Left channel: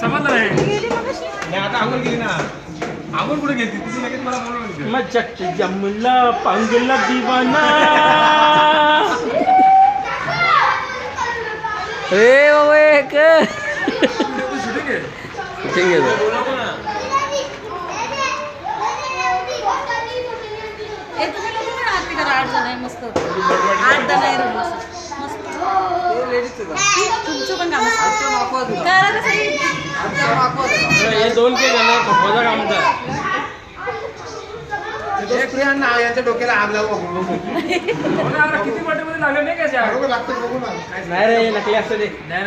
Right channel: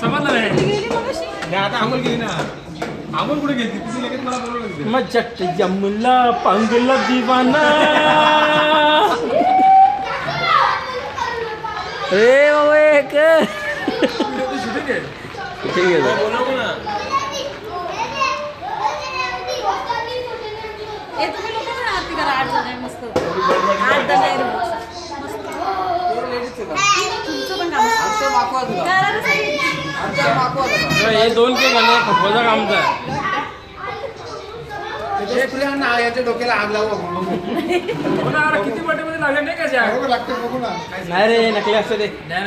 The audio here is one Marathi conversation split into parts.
समजलं नाही आता आंघोळ गेली ना आंघोळ कुठे गेली तुझी लगेच मला बोलवलं मग चट्ट जमला पांगला दिवाना रे बाबा एक ठीक आहे हे दोन केलं ना काम डोक्याला आग लावू किती मध्ये लागले नाही का नाही रे नकली असते ते नाही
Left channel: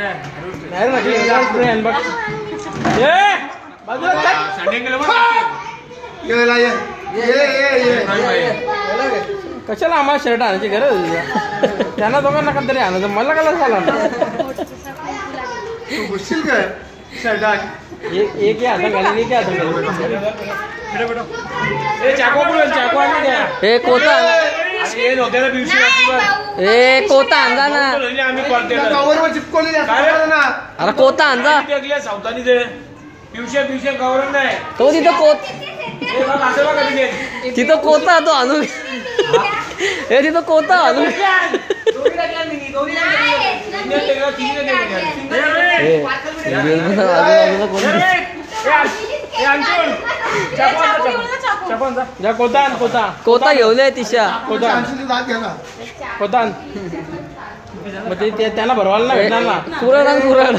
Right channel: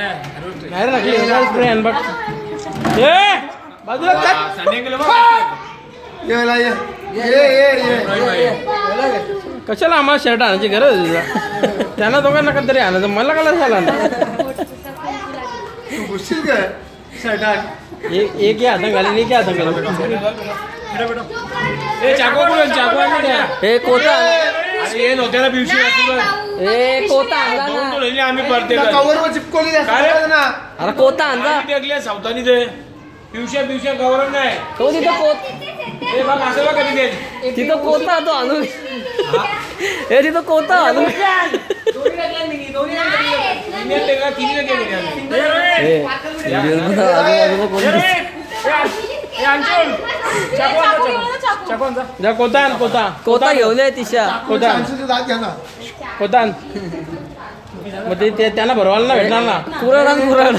कशाला आम्हाला शर्ट आणायची गरज त्यांना दोघांना का तरी आणायचं मला काय झाला काय शर्ट एक हात घाली एक हात हे कोता ए कोता आणला ना अरे कोता आणला सावधानी दे पिवशे पिवशे गौरव नाही तो तिथं कोता तो आणून हे तिथं कोता आणून कोता घेऊन तिशा कोता मग ते त्यांना भरवायला ना भेटणार ना कुराड आणि कुराड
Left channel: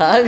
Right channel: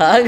हा